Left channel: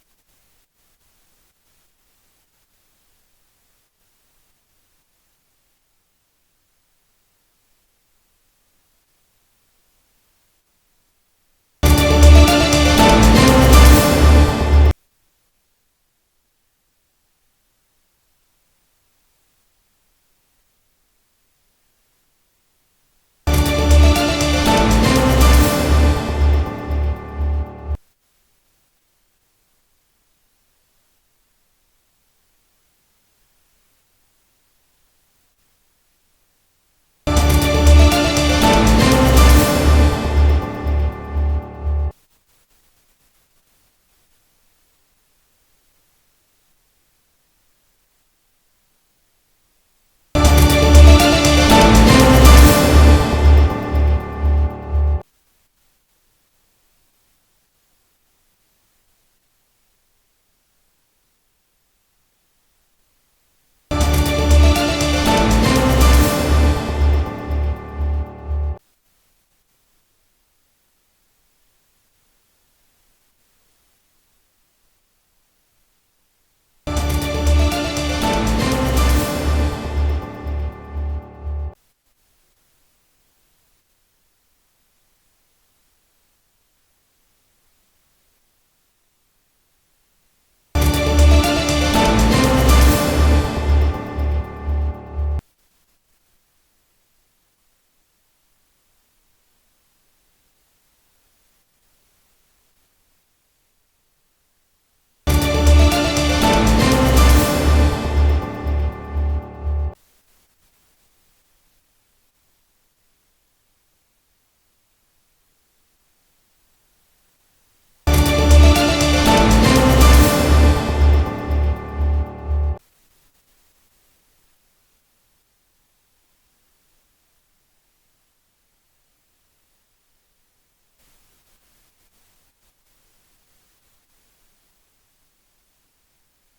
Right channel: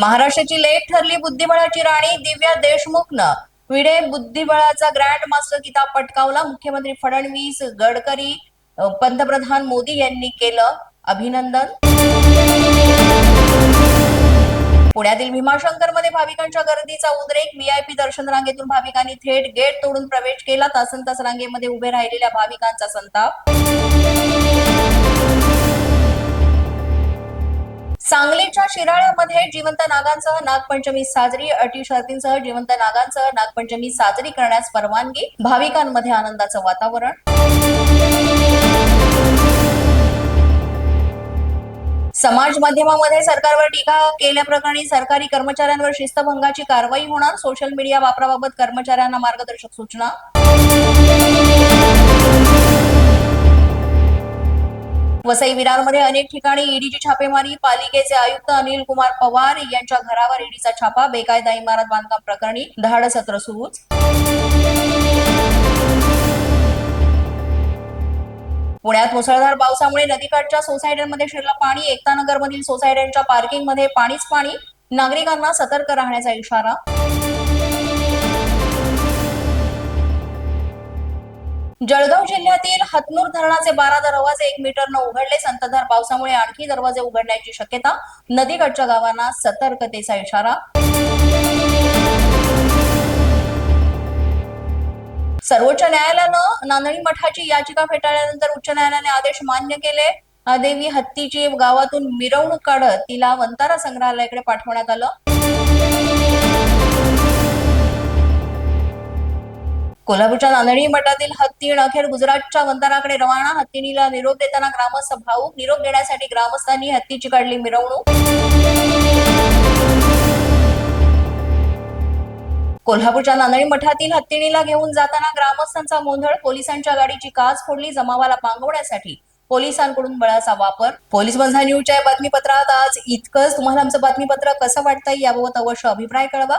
महाराष्ट्राची लेट ठरली बुद्धिबळाची राणी दिव्या देशमुखनं. विडे बुद्धिबळाचा ग्रँड मास्टर किताब पटकावला. मुख्यमंत्री फडणवीस गडकरी पंतप्रधान मोदी यांनी केलं अभिनंदन. पुण्यातील भीमाशंकरमध्ये भाविकांच्या गर्दीचा उद्रेक. व्हीआयपी दर्शन रांगेतून भाविकांनी थेट गेट तोडून प्रवेश केला. तासन तास रांगेमध्ये उभे राहिलेल्या भाविकांचा संताप. सांगलीच्या शिराळ्यामध्ये जिवंत नागांसह नागपंचमी साजरी अटी शर्तींसह जिवंत नागांसह नागपंचमी साजरी करण्यास परवानगी भाविकांमध्ये आनंदाचं वातावरण. समाज माध्यमामध्ये सरकारवर टीका केल्याप्रकरणी सरकारी कर्मचाऱ्यांवर शिस्तभंगाची कारवाई होणार सोशल मीडिया वापराबाबत कर्मचाऱ्यांना मार्गदर्शक सूचना. वसई विरारमध्ये अनेक ठिकाणी ईडीची छापेमारी पालिकेचे आयुक्त अनिल कुमार पवार यांच्या घरावर ईडीचा छापा बेकायदा इमारत बांधकाम प्रकरणी धाड सत्र सुरूच. पुण्यात मुसळधार पावसामुळे नदीकाठच्या सोसायट्यांमध्ये शिरलं पाणी. एकता मधील सोसायट्यांच्या पार्किंगमध्ये पाणीच पाणी. नागरिकांना सतर्क राहण्याचा इशारा. जळगाव जिल्ह्यातील हतनूर धरणाचे बारा दरवाजे एक मीटरनं उघडले. संततधार पावसामुळे आणखी दरवाजे उघडण्याची शक्यता नदीकाठच्या गावांना सतर्कतेचा इशारा. सर्वोच्च न्यायालयानं नांदणी मठाची याचिका फेटाळल्यानंतर उच्च न्यायालयाने आदेश मान्य केले. देवी हत्तीची गावातून मिरवणूक काढत तिला वंतारा संग्रहालयाकडे पाठवण्यात आलं. कोल्हापूरच्या नांदणी मठातील हत्तीण अखेर गुजरातच्या बंदराकडे रवाना. हत्तीणीला निरोप देताना ग्रामस्थ भाऊक निरोप देण्यासाठी ग्रामस्थांनी हत्तीची काढली मिरवणूक. कोल्हापूरच्या नांदणी मठातील हत्तीणीला घेऊन जाताना ग्रामस्थांचा गोंधळ पोलिसांच्या गाडीची काच फोडली जमावाला पांगवण्यासाठी पोलिसांकडून बळाचा वापर. पोलीस बंधा न्यूजच्या बातमीपत्रात आज इतकंच. तुम्हाला आमचं बातमीपत्र कसं वाटतंय याबाबत अवश्य अभिप्राय कळवा.